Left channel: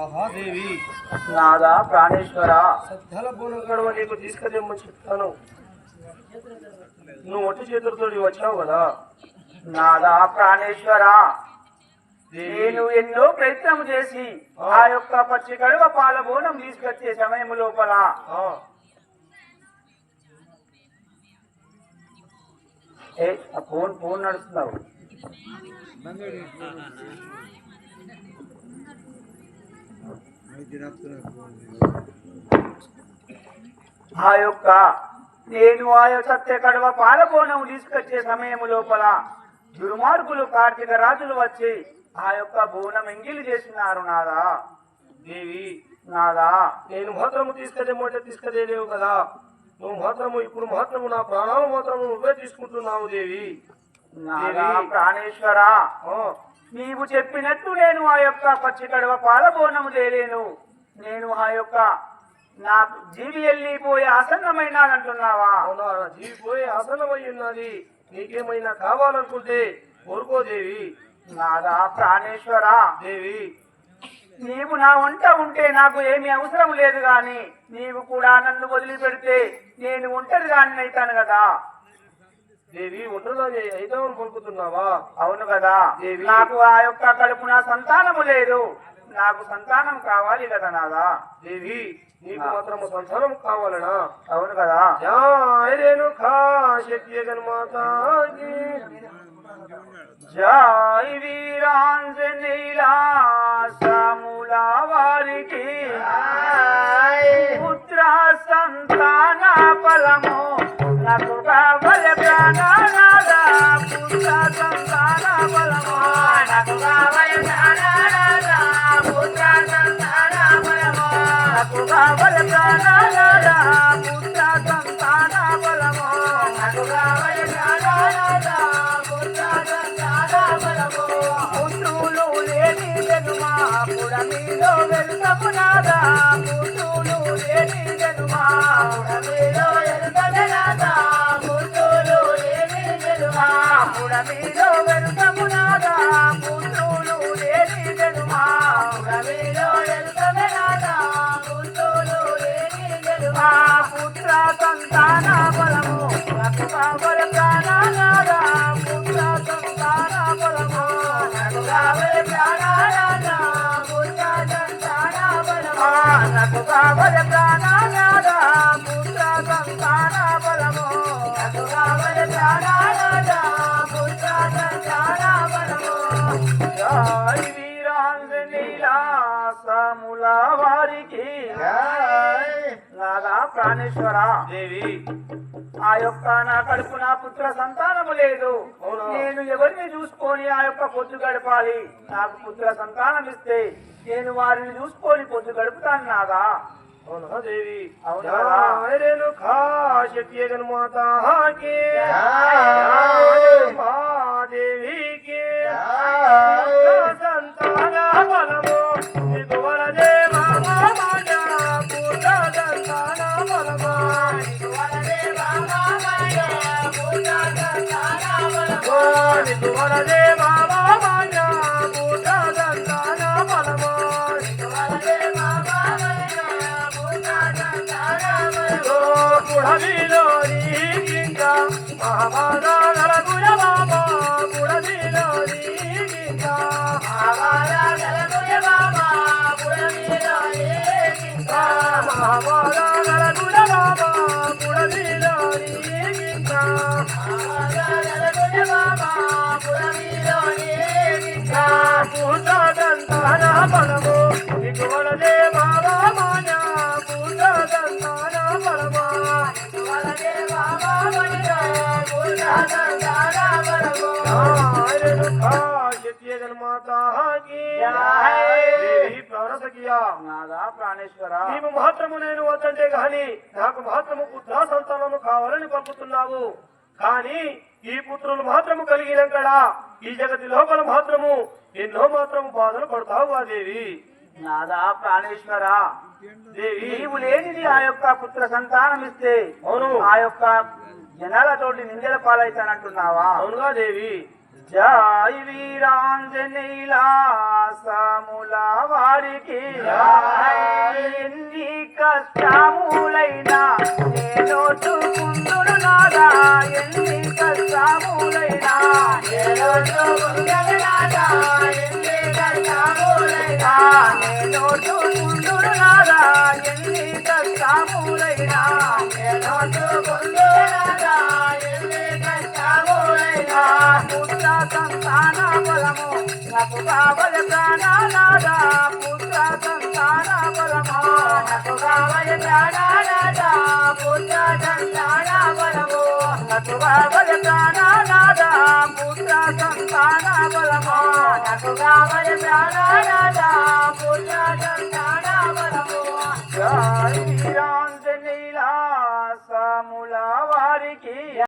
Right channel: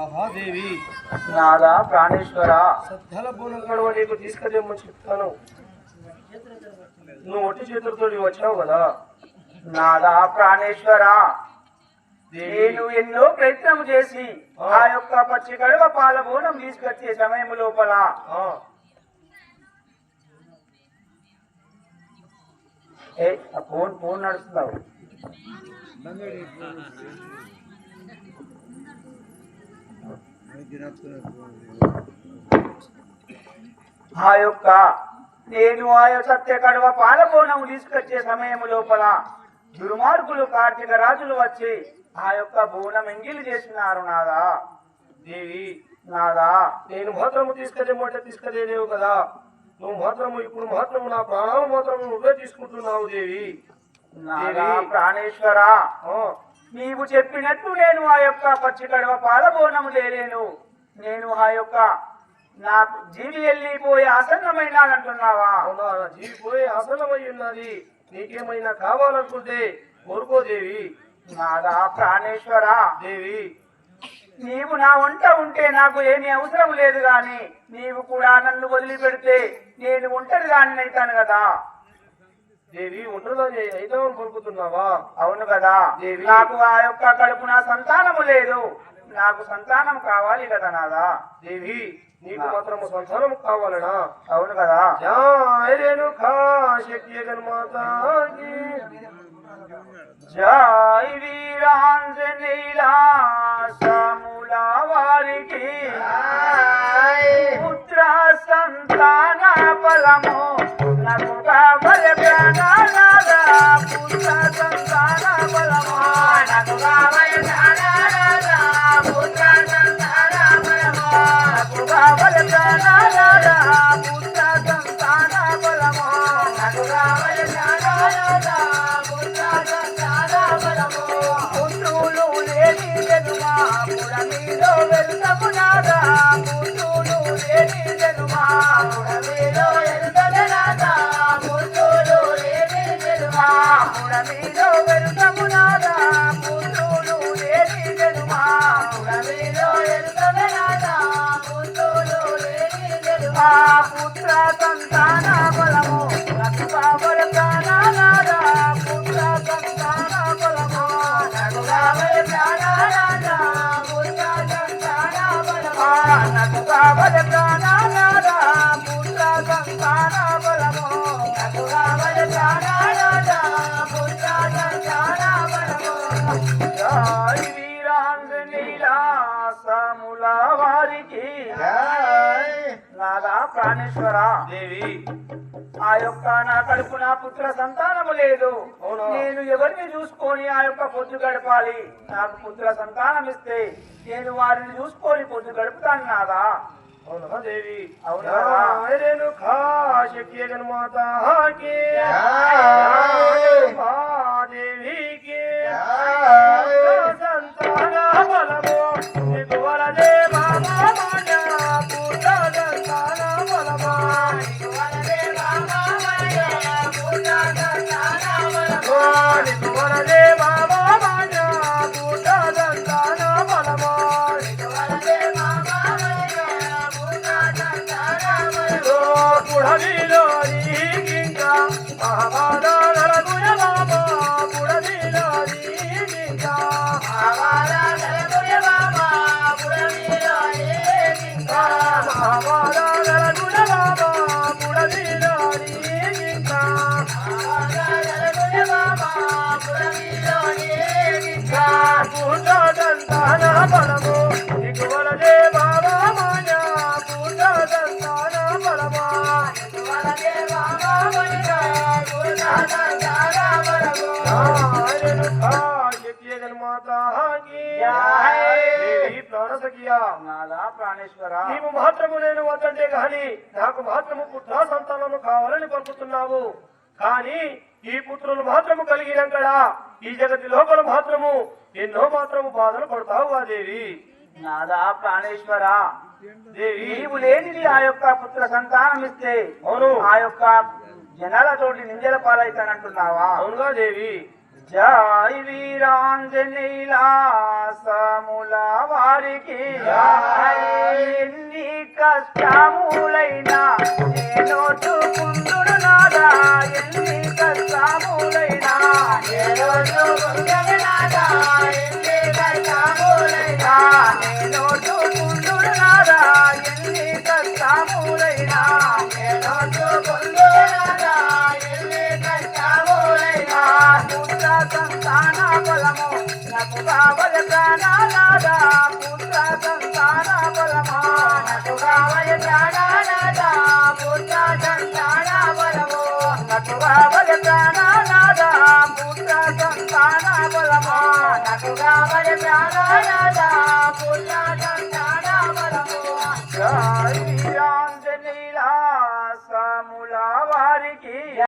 ఆహా దేవి, నాదా ప్రాణేశ్వర, సద్దాల బోనం కడవ నీకు తీసుకుదేమని చెప్తాను. నువ్వు ఒట్టి చేతులతో వచ్చావు కదా. నాదా ప్రాణేశ్వర, నేను ఎన్నో ప్రయత్నం చేసి ఆ యొక్క పచ్చి కడువ పాల బోనం తీసుకొచ్చే సమయం లోపల ఫోన్ నడుస్తున్నావు. ఆ యొక్క నేను ఆ సత్య కడువ పాల బోనం తీసుకొచ్చే సమయం లోపల దుర్మార్గులు కార్తీక రాజులు వచ్చి ఆ యొక్క బోనం ఎంగిలి చేసినారు. నాదా దేవి, నాదా నేను మాత్రము తీసుకుదేమంటే తీసుకుదేలేవు కదా. నువ్వు మాత్రము ఇప్పుడు మాత్రము నా ప్రాణాలు మాత్రము నువ్వే తీసుకుంటున్నావు దేవి. నాదా ప్రాణేశ్వర, నీవు చెప్పినట్టు నేను ఆ యొక్క పచ్చి కడువ పాల బోనము చేయలేను. నేను ఆ యొక్క నాకు జీవి వెళ్ళిపోయే ఆసన్నమైన అంటున్నావా? జీవి పోయే ఆసన్నమై ఉన్నది. నీకేమైనా కావాలనుకుంటే కోరుకో దేవి. నాదా ప్రాణేశ్వర, దేవి నీవు నా వంట ఉంటే నాకు ఏమీ అవసరం లేదు, గాని నీవు కూడా నన్ను వదిలిపెడితే నేను ఒంటరి దాన్ని అవుతాను కదా. దేవి ఒంటరిగా అయిదామని పంపుతున్నావా? అవును కదా దేవి. నాకు ఆ యొక్క కడుపున సంతానము లేదు, నాకు సంతానం కావాలి కదా. నాదా దేవి, నీకు మాత్రము సంతానం కావాలనా? అవును కదా. జై వీరాంజనేయుల సాముల వారికి పుత్ర సంతాన ఫలము నాకు కావలె. పుత్ర సంతాన ఫలము నాకు కావలె. పుత్ర సంతాన ఫలము నాకు కావలె. పుత్ర సంతాన ఫలము నాకు కావలె. పుత్రులు లేని జనుమా పురమిలో వెళ్తాము. నాదా పుత్రులు లేని జనుమా పురమిలో వెళ్తాము. నాదా పుత్రులు లేని జనుమా పురమిలో వెళ్తాము. నాదా పుత్రులు లేని జనుమా పురమిలో వెళ్తాము. నాదా పుత్రులు లేని జనుమా పుత్ర సంతాన ఫలము నాకు కావలె. నాదా పుత్ర సంతాన ఫలము నాకు కావలె. నాదా పుత్ర సంతాన ఫలము నాకు కావలె. నాదా పుత్ర సంతాన ఫలము నాకు కావలె. నాదా పుత్ర సంతాన ఫలము. జై వీరాంజనేయుల సాముల వారికి నాదా ప్రాణేశ్వర, దేవి ఆ యొక్క నా కడుపు నా పుత్ర సంతానము లేదు. నేను ఎవరిని చూసుకొని ఆ యొక్క పొద్దు గడపాలి? నాకు పుత్ర సంతానం ఇస్తే నేను వారిని చూసుకొని పొద్దు గడుపుతాను. నాదా అవునా దేవి? అవునా మాతాకి దేవికి సంతాన బలము నీకు వరదే బాబా పుత్ర సంతాన బలము నీకు వరదే బాబా పుత్ర సంతాన బలము నీకు వరదే బాబా పుత్ర సంతాన బలము నీకు వరదే బాబా పుత్ర సంతాన బలము పుడవిలో నీకింకా ఆవాదాల గుణబాబా పుడవిలో నీకింకా ఆవాదాల గుణబాబా పుడవిలో నీకింకా ఆవాదాల గుణబాబా పుడవిలో నీకింకా ఆవాదాల గుణబాబా పుడవిలో నీకింకా పుత్ర సంతాన బలము నీకు వరదే బాబా మాయా పుత్ర సంతాన బలము నీకు వరదే బాబా మాయా పుత్ర సంతాన బలము. నాదా ప్రాణేశ్వర, నీవు మాత్రము నేను వద్దంటే గాని నాకు మాత్రము పుత్ర సంతానము కావాలని పంపుతున్నావు. కానీ ఈ పుత్రులు మాత్రము కలిగినంకడా ఈ జగతి లోపల మాత్రము ఎన్నో మాత్రము బాధలు పడతావు ఆ దేవి. నాదా ప్రాణేశ్వర, దేవి నీవు లేనిది ఆ యొక్క పుత్ర సంతానం ఇస్తే అవును ఆ యొక్క జనాలతోటి నిందల పాలైతానంటున్నావా? అవునుగా దేవి. జై వీరాంజనేయుల సముల వారికి ఎన్ని కష్టములైనా నేను చూపుందును నాదా ఎన్ని కష్టములైనా నేను చూపుందును నాదా ఎన్ని కష్టములైనా నేను చూపుందును నాదా ఎన్ని కష్టములైనా నేను చూపుందును నాదా ఎన్ని కష్టములైనా పుత్ర సంతాన బలము నాకు కావలి ప్రాణానాదా పుత్ర సంతాన బలము నాకు కావలి ప్రాణానాదా పుత్ర సంతాన బలము నాకు కావలి ప్రాణానాదా పుత్ర సంతాన బలము నాకు కావలి ప్రాణానాదా